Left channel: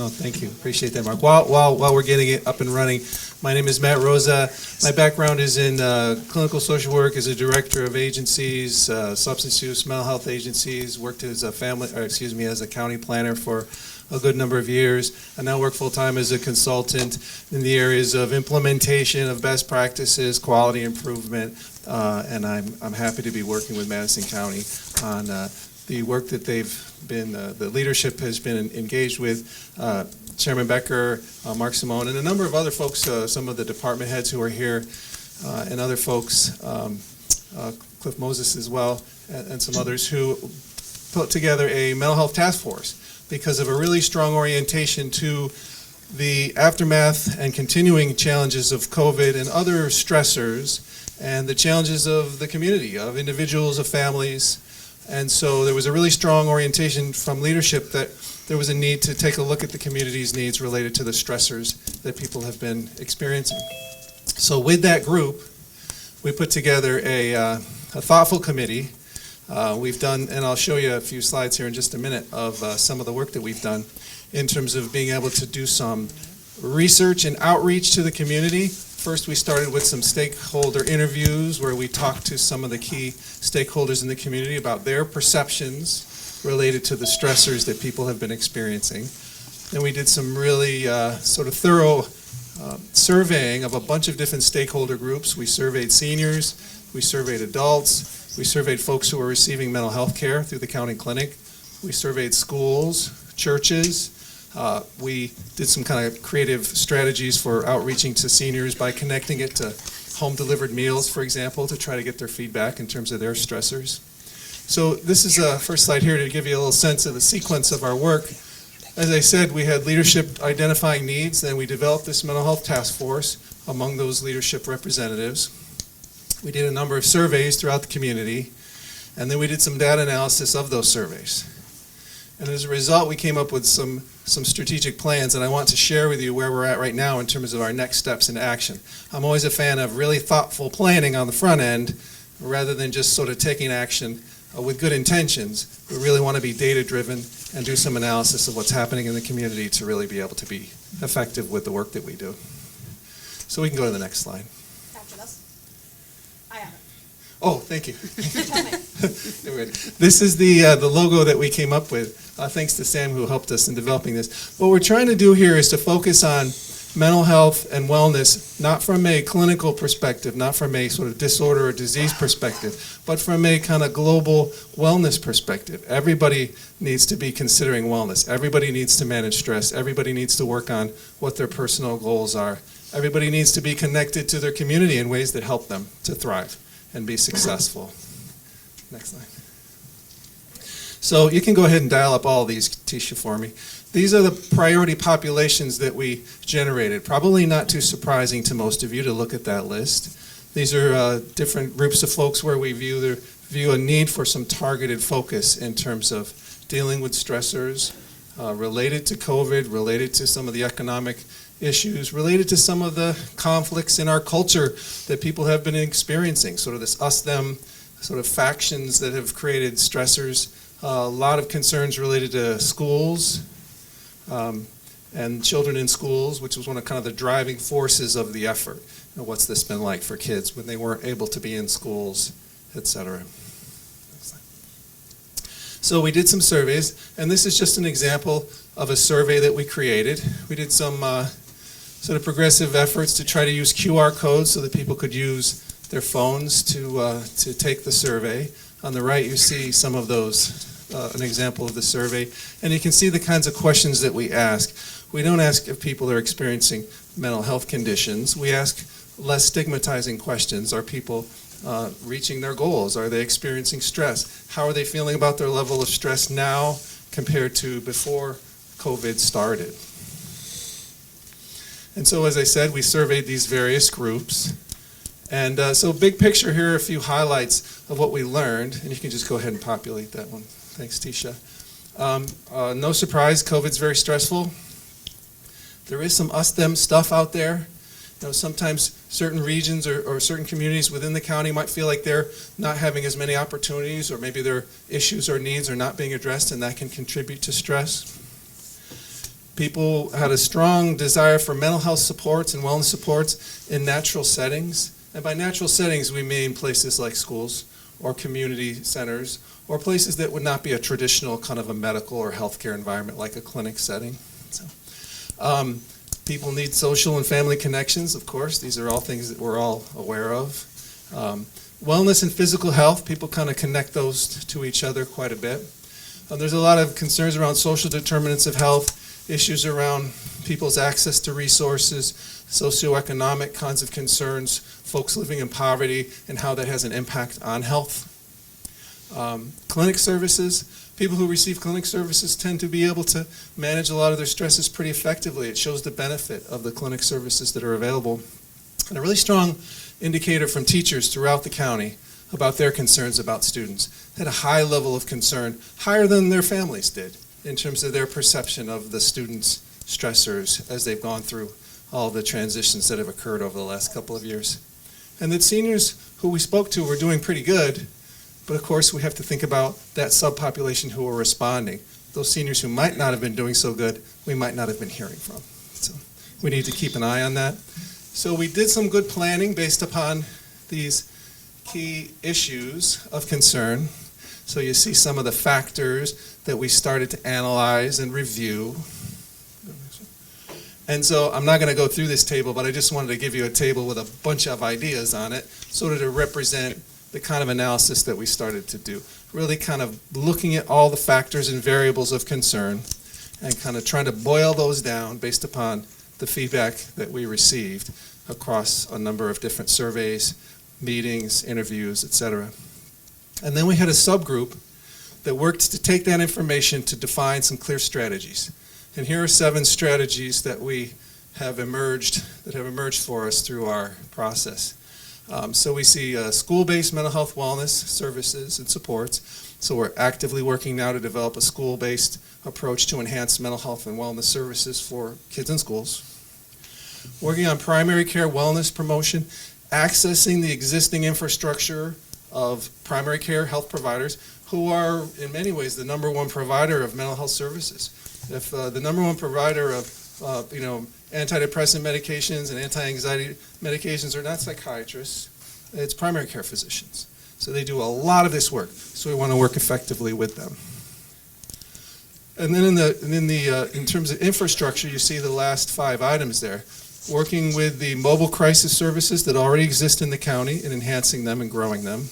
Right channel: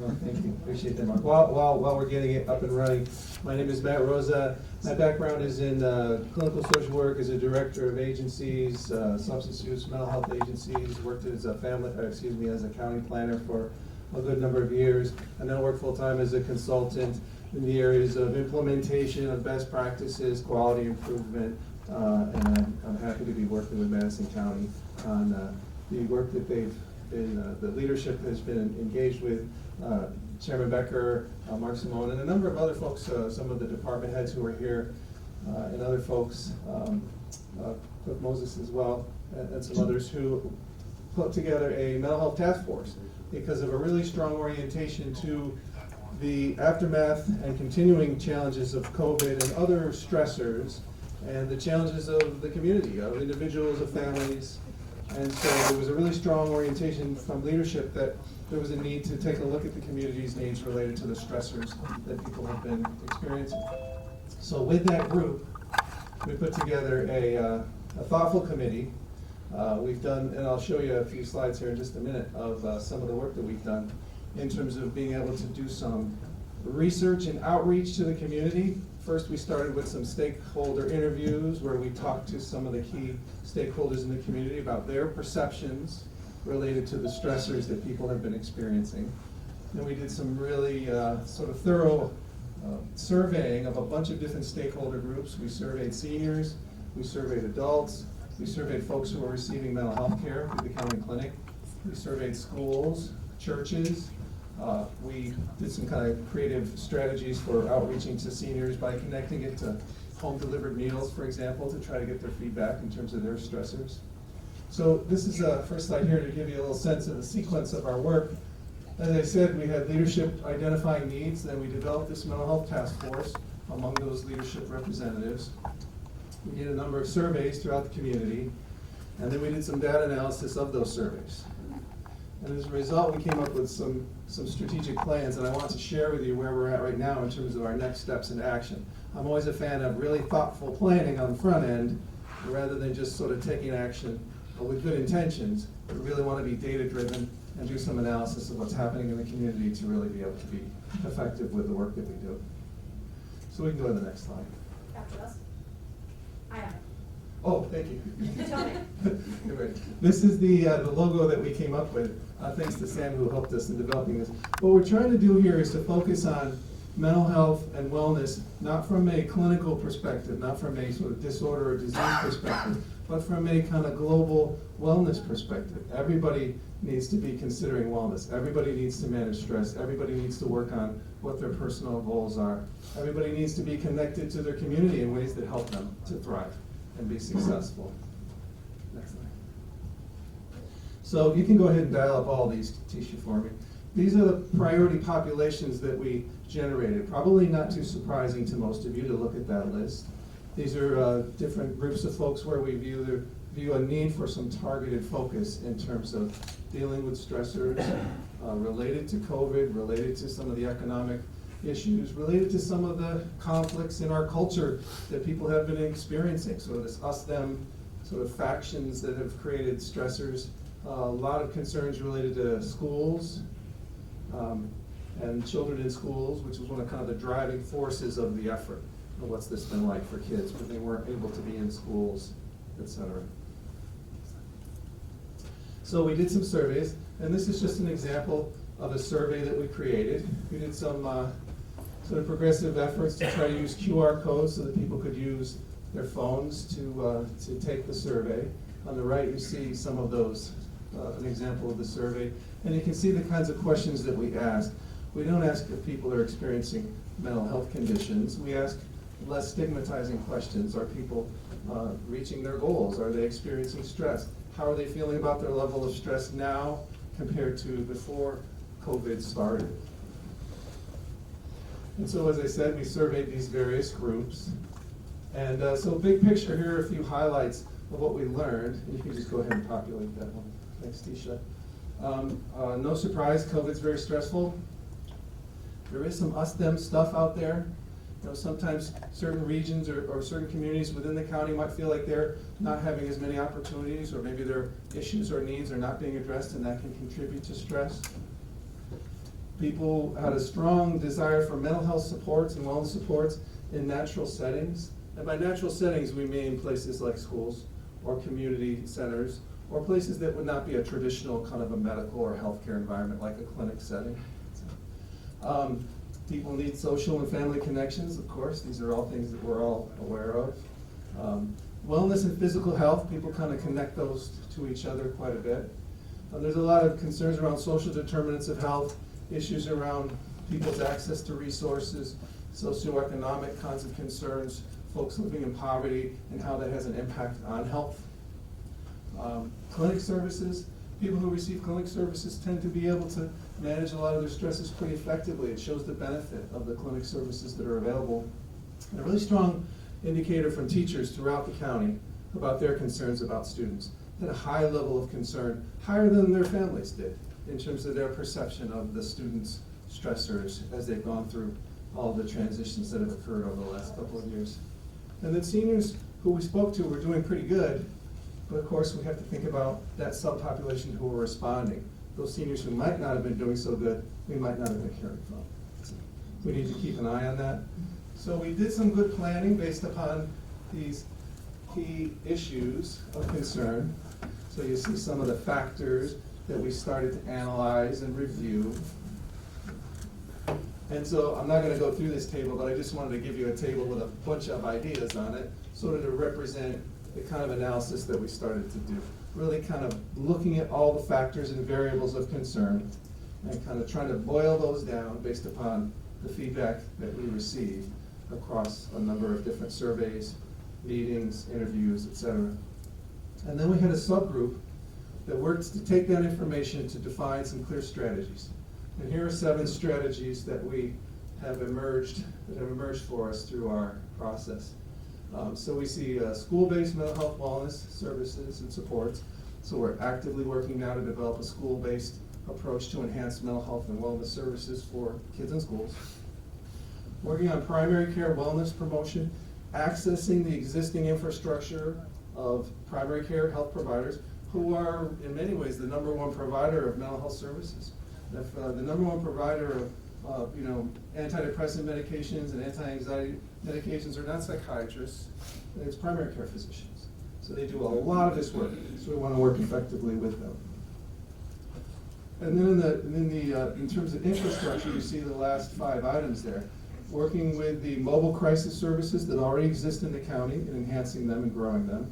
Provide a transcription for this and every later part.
No, thank you. Appreciate that, Mark. While we're getting it up and running, my name is Matt Roosa. My background is in clinical social work as a director of agencies, substance use, mental health agencies. Worked as a as a county planner for a good number of years. I now work full-time as a consultant in the areas of implementation of best practices, quality improvement, and I'm happy to be working with Madison County on the work that the leadership has been engaged with. Chairman Becker, Mark Simone, and a number of other folks, some of the department heads who are here, and other folks, Cliff Moses as well, and some others who put together a mental health task force because of a really strong orientation to the aftermath and continuing challenges of COVID and other stressors and the challenges of the community, of individuals, of families. And so there was a really strong orientation from leadership that there was a need to take a look at the community's needs related to the stressors that people have been experiencing. So with that group, we put together a thoughtful committee. We've done, and I'll show you a few slides here in just a minute of some of the work that we've done in terms of being able to do some research and outreach to the community. First, we started with some stakeholder interviews where we talked to some of the key stakeholders in the community about their perceptions related to the stressors that people have been experiencing. Then we did some really sort of thorough surveying of a bunch of different stakeholder groups. We surveyed seniors, we surveyed adults, we surveyed folks who were receiving mental health care through the county clinic. We surveyed schools, churches. We did some kind of creative strategies for outreaching to seniors by connecting it to home-delivered meals, for example, to try to get their feedback in terms of their stressors. So this is a first slide here to give you a little sense of the sequence of our work. As I said, we had leadership identifying needs, then we developed this mental health task force among those leadership representatives. We did a number of surveys throughout the community, and then we did some data analysis of those surveys. And as a result, we came up with some strategic plans, and I want to share with you where we're at right now in terms of our next steps into action. I'm always a fan of really thoughtful planning on the front end, rather than just sort of taking action with good intentions. We really want to be data-driven and do some analysis of what's happening in the community to really be able to be effective with the work that we do. So we can go to the next slide. After this? I have it. Oh, thank you. This is the logo that we came up with, thanks to Sam who helped us in developing this. What we're trying to do here is to focus on mental health and wellness, not from a clinical perspective, not from a sort of disorder or disease perspective, but from a kind of global wellness perspective. Everybody needs to be considering wellness. Everybody needs to manage stress. Everybody needs to work on what their personal goals are. Everybody needs to be connected to their community in ways that help them to thrive and be successful. Next slide. So you can go ahead and dial up all of these, Tisha, for me. These are the priority populations that we generated. Probably not too surprising to most of you to look at that list. These are different groups of folks where we view a need for some targeted focus in terms of dealing with stressors related to COVID, related to some of the economic issues, related to some of the conflicts in our culture that people have been experiencing, sort of this us-them sort of factions that have created stressors. A lot of concerns related to schools and children in schools, which was one of kind of the driving forces of the effort. You know, what's this been like for kids when they weren't able to be in schools, etc. So we did some surveys, and this is just an example of a survey that we created. We did some sort of progressive efforts to try to use QR codes so that people could use their phones to take the survey. On the right, you see some of those, an example of the survey, and you can see the kinds of questions that we ask. We don't ask if people are experiencing mental health conditions. We ask less stigmatizing questions. Are people reaching their goals? Are they experiencing stress? How are they feeling about their level of stress now compared to before COVID started? And so, as I said, we surveyed these various groups. And so big picture here are a few highlights of what we learned. And you can just go ahead and populate that one. Thanks, Tisha. No surprise, COVID's very stressful. There is some us-them stuff out there. You know, sometimes certain regions or certain communities within the county might feel like they're not having as many opportunities, or maybe their issues or needs are not being addressed, and that can contribute to stress. People had a strong desire for mental health supports and wellness supports in natural settings. And by natural settings, we mean places like schools or community centers or places that would not be a traditional kind of a medical or healthcare environment like a clinic setting. So, people need social and family connections, of course. These are all things that we're all aware of. Wellness and physical health, people kind of connect those to each other quite a bit. There's a lot of concerns around social determinants of health, issues around people's access to resources, socioeconomic kinds of concerns, folks living in poverty, and how that has an impact on health. Clinic services, people who receive clinic services tend to be able to manage a lot of their stresses pretty effectively. It shows the benefit of the clinic services that are available. And a really strong indicator from teachers throughout the county about their concerns about students. They had a high level of concern, higher than their families did, in terms of their perception of the students' stressors as they've gone through all the transitions that have occurred over the last couple of years. And that seniors who we spoke to were doing pretty good, but of course we have to think about that subpopulation who are responding. Those seniors who might not have been doing so good, we might not have been hearing from. So we need to keep an eye on that. So we did some good planning based upon these key issues of concern. So you see some of the factors that we started to analyze and review. And so I'm not going to go through this table, but I just wanted to give you a table with a bunch of ideas on it, sort of to represent the kind of analysis that we started to do. Really kind of looking at all the factors and variables of concern and kind of trying to boil those down based upon the feedback that we received across a number of different surveys, meetings, interviews, etc. And then we had a subgroup that worked to take that information to define some clear strategies. And here are 7 strategies that have emerged for us through our process. So we see school-based mental health wellness services and supports. So we're actively working now to develop a school-based approach to enhance mental health and wellness services for kids in schools. Working on primary care wellness promotion, accessing the existing infrastructure of primary care health providers who are in many ways the #1 provider of mental health services. If the #1 provider of antidepressant medications and anti-anxiety medications are not psychiatrists, it's primary care physicians. So they do a lot of this work, so we want to work effectively with them. And then in terms of infrastructure, you see the last 5 items there. Working with the mobile crisis services that already exist in the county and enhancing them and growing them.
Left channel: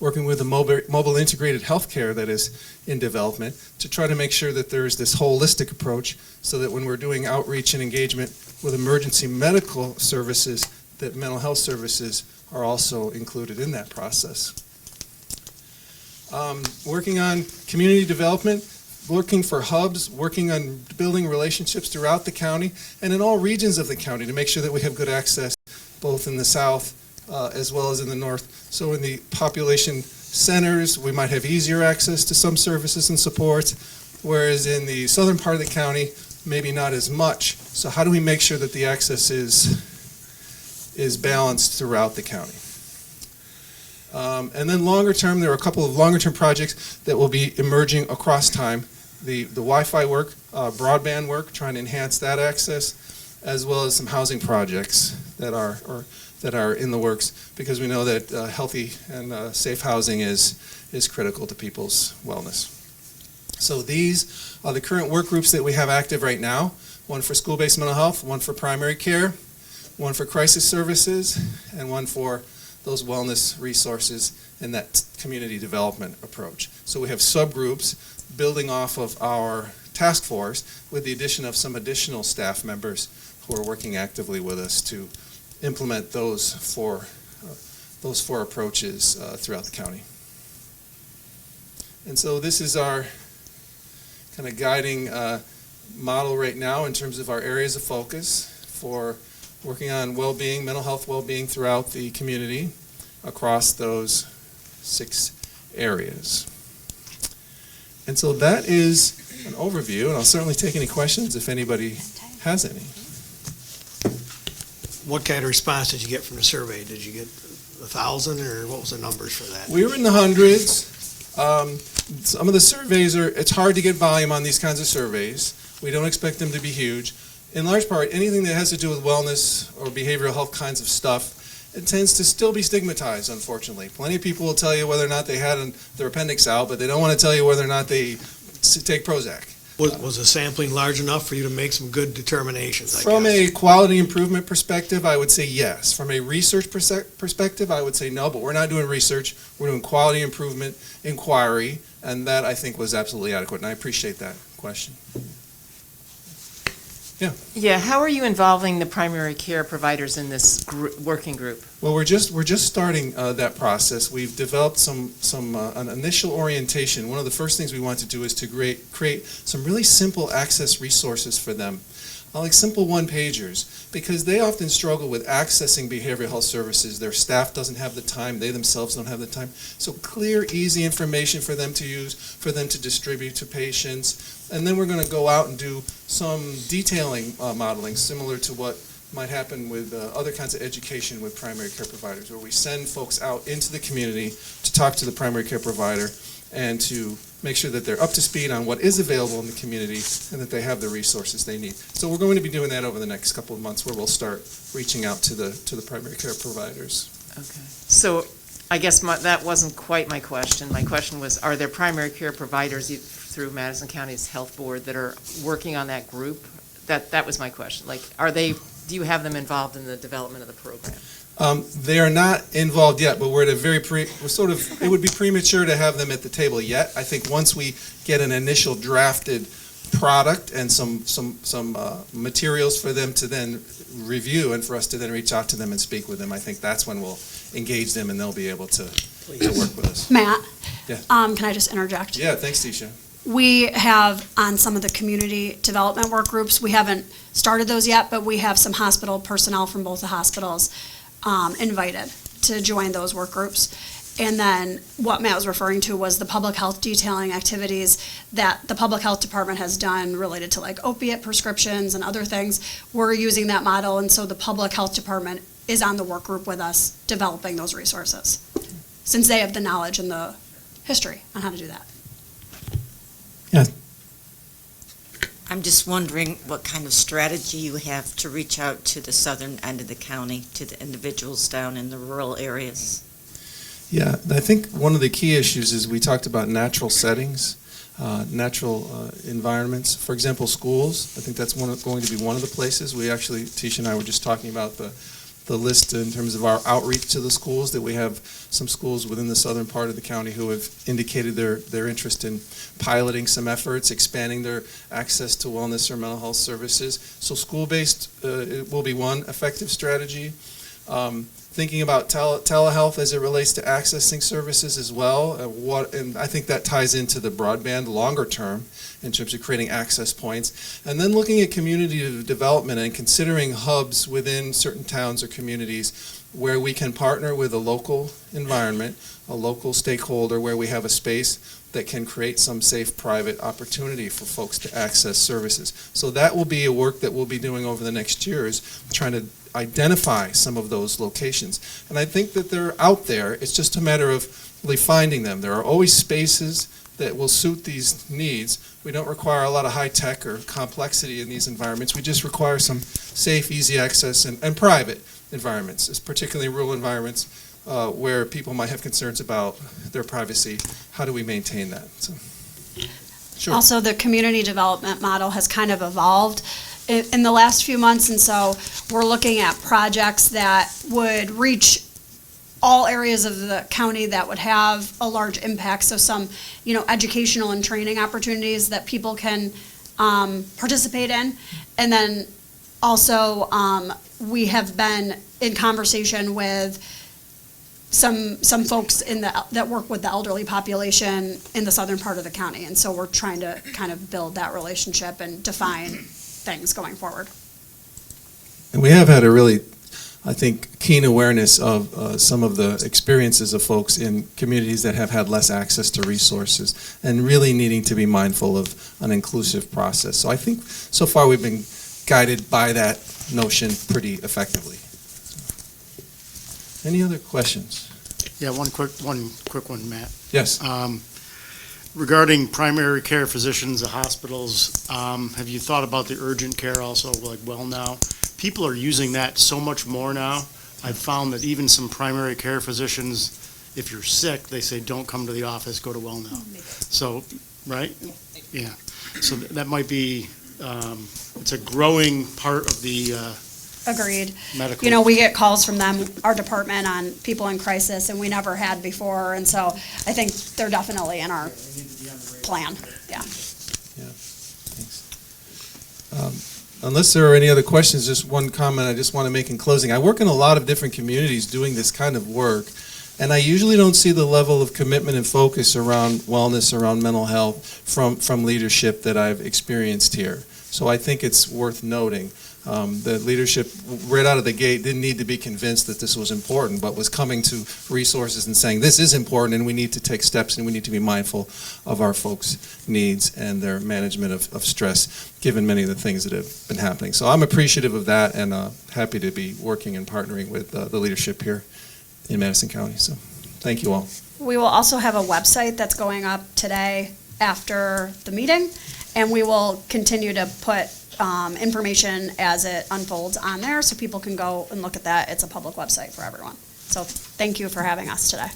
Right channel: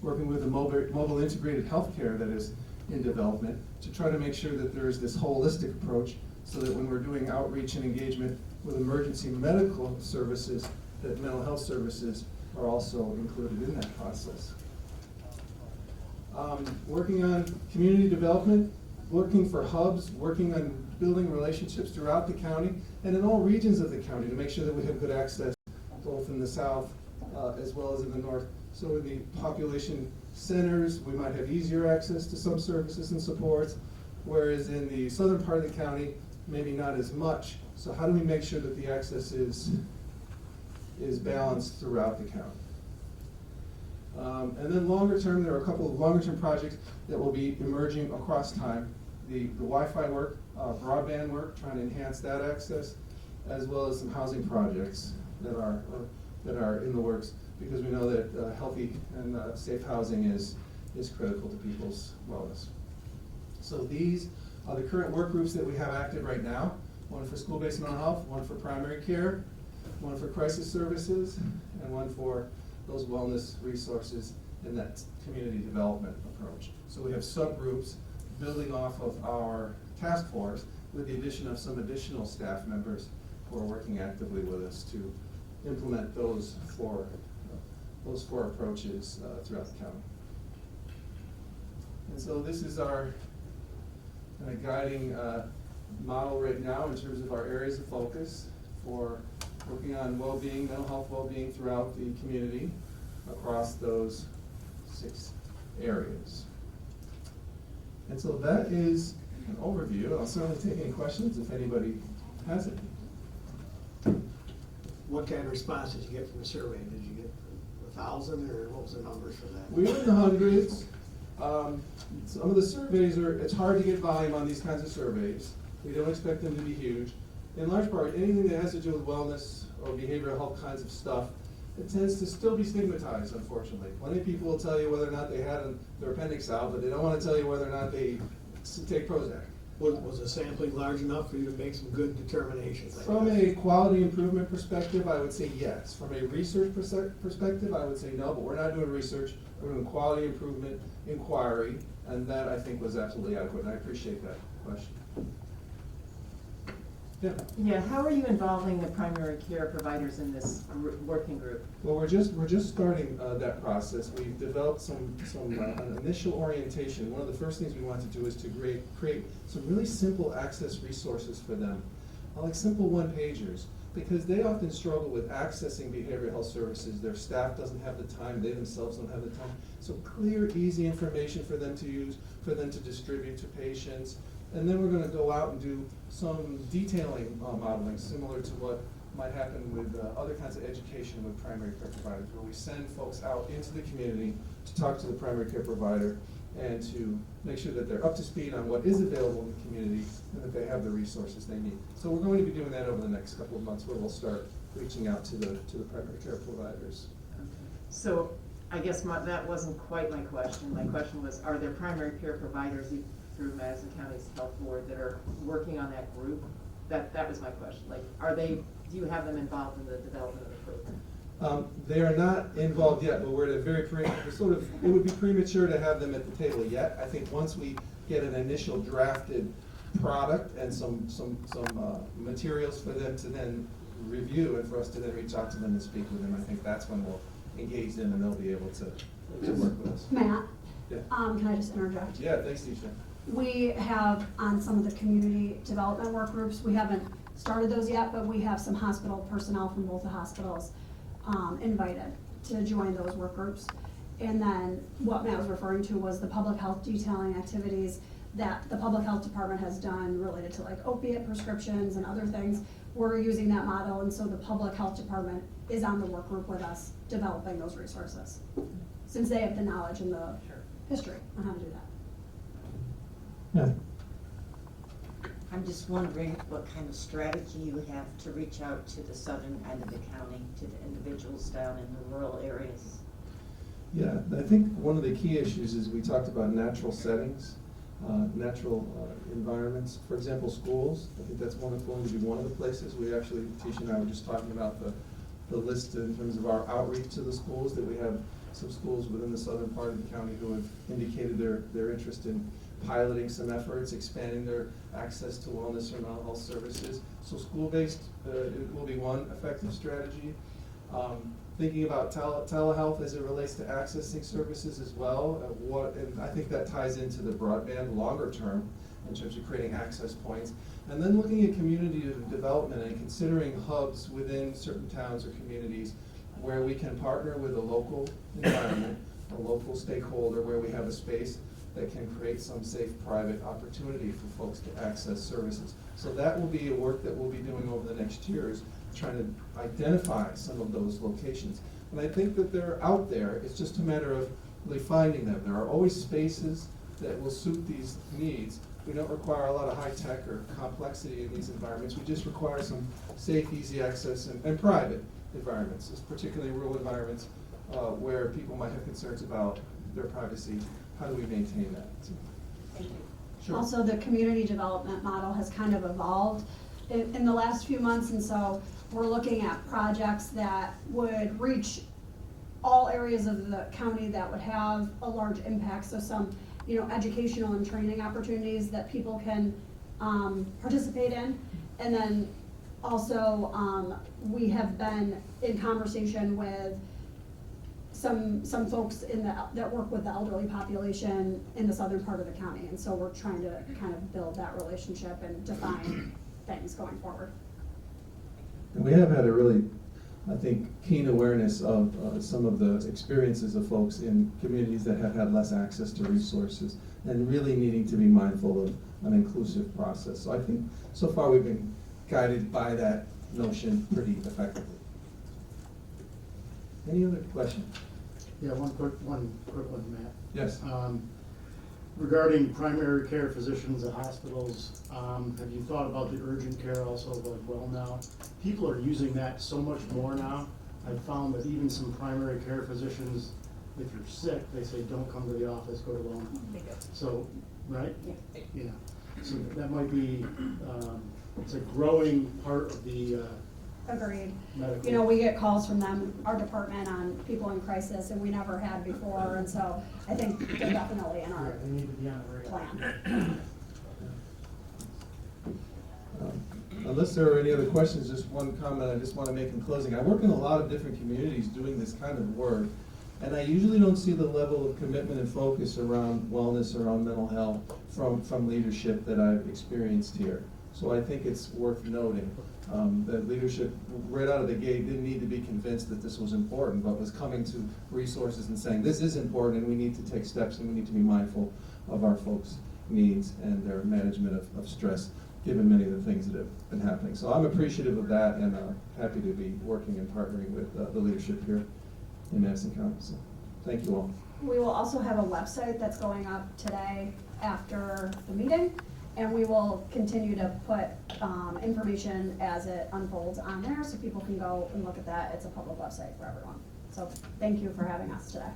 Working with the mobile integrated healthcare that is in development to try to make sure that there is this holistic approach so that when we're doing outreach and engagement with emergency medical services, that mental health services are also included in that process. Working on community development, working for hubs, working on building relationships throughout the county and in all regions of the county to make sure that we have good access both in the south as well as in the north. So in the population centers, we might have easier access to some services and supports, whereas in the southern part of the county, maybe not as much. So how do we make sure that the access is balanced throughout the county? And then longer term, there are a couple of longer term projects that will be emerging across time. The Wi-Fi work, broadband work, trying to enhance that access, as well as some housing projects that are in the works, because we know that healthy and safe housing is critical to people's wellness. So these are the current work groups that we have active right now. One for school-based mental health, one for primary care, one for crisis services, and one for those wellness resources and that community development approach. So we have subgroups building off of our task force with the addition of some additional staff members who are working actively with us to implement those four approaches throughout the county. And so this is our kind of guiding model right now in terms of our areas of focus for working on well-being, mental health well-being throughout the community across those 6 areas. And so that is an overview, and I'll certainly take any questions if anybody has any. What kind of response did you get from the survey? Did you get 1,000, or what was the numbers for that? We were in the hundreds. Some of the surveys it's hard to get volume on these kinds of surveys. We don't expect them to be huge. In large part, anything that has to do with wellness or behavioral health kinds of stuff, it tends to still be stigmatized, unfortunately. Plenty of people will tell you whether or not they had their appendix out, but they don't want to tell you whether or not they take Prozac. Was the sampling large enough for you to make some good determinations, I From guess? a quality improvement perspective, I would say yes. From a research perspective, I would say no, but we're not doing research. We're doing quality improvement inquiry, and that I think was absolutely adequate, and I appreciate that question. Yeah, how are you involving the primary care providers in this working group? Well, we're just starting that process. We've developed an initial orientation. One of the first things we want to do is to create some really simple access resources for them, like simple one-pagers, because they often struggle with accessing behavioral health services. Their staff doesn't have the time. They themselves don't have the time. So clear, easy information for them to use, for them to distribute to patients. And then we're going to go out and do some detailing modeling, similar to what might happen with other kinds of education with primary care providers, where we send folks out into the community to talk to the primary care provider and to make sure that they're up to speed on what is available in the community and that they have the resources they need. So we're going to be doing that over the next couple of months, where we'll start reaching out to the primary care providers. Okay. So I guess that wasn't quite my question. My question was, are there primary care providers through Madison County's Health Board that are working on that group? That was my question. Like, do you have them involved in the development of the program? They are not involved yet, but we're at a very it would be premature to have them at the table yet. I think once we get an initial drafted product and some materials for them to then review and for us to then reach out to them and speak with them, I think that's when we'll engage them and they'll be able to work with us. Matt? Yeah. Can I just interject? Yeah, thanks, Tisha. We have, on some of the community development work groups, we haven't started those yet, but we have some hospital personnel from both the hospitals invited to join those work groups. And then what Matt was referring to was the public health detailing activities that the public health department has done related to like opiate prescriptions and other things. We're using that model, and so the public health department is on the work group with us developing those resources, since they have the knowledge and the history on how to do that. Yeah. I'm just wondering what kind of strategy you have to reach out to the southern end of the county, to the individuals down in the rural areas. Yeah, I think one of the key issues is we talked about natural settings, natural environments. For example, schools. I think that's going to be one of the places. We actually, Tisha and I were just talking about the list in terms of our outreach to the schools, that we have some schools within the southern part of the county who have indicated their interest in piloting some efforts, expanding their access to wellness or mental health services. So school-based will be one effective strategy. Thinking about telehealth as it relates to accessing services as well, and I think that ties into the broadband longer term in terms of creating access points, and then looking at community development and considering hubs within certain towns or communities where we can partner with a local environment, a local stakeholder, where we have a space that can create some safe private opportunity for folks to access services. So that will be a work that we'll be doing over the next years, trying to identify some of those locations. And I think that they're out there. It's just a matter of really finding them. There are always spaces that will suit these needs. We don't require a lot of high tech or complexity in these environments. We just require some safe, easy access and private environments, particularly rural environments where people might have concerns about their privacy. How do we maintain that? So, sure. Also, the community development model has kind of evolved in the last few months, and so we're looking at projects that would reach all areas of the county that would have a large impact. So some, educational and training opportunities that people can participate in. And then also, we have been in conversation with some folks that work with the elderly population in the southern part of the county. And so we're trying to kind of build that relationship and define things going forward. And we have had a really, I think, keen awareness of some of the experiences of folks in communities that have had less access to resources and really needing to be mindful of an inclusive process. So I think so far we've been guided by that notion pretty effectively. Any other questions? Yeah, one quick one, Matt. Yes. regarding primary care physicians, the hospitals, have you thought about the urgent care also, like Well Now? People are using that so much more now. I've found that even some primary care physicians, if you're sick, they say, don't come to the office, go to Well Now. So, right? Yeah. So that might be, it's a growing part of the Agreed. medical. You know, we get calls from them, our department, on people in crisis, and we never had before, and so I think they're definitely in our plan, yeah. Unless there are any other questions, just one comment I just want to make in closing. I work in a lot of different communities doing this kind of work, and I usually don't see the level of commitment and focus around wellness, around mental health from leadership that I've experienced here. So I think it's worth noting that leadership right out of the gate didn't need to be convinced that this was important, but was coming to resources and saying this is important and we need to take steps and we need to be mindful of our folks' needs and their management of stress, given many of the things that have been happening. So I'm appreciative of that and happy to be working and partnering with the leadership here in Madison County. So thank you all. We will also have a website that's going up today after the meeting, and we will continue to put information as it unfolds on there so people can go and look at that. It's a public website for everyone. So thank you for having us today.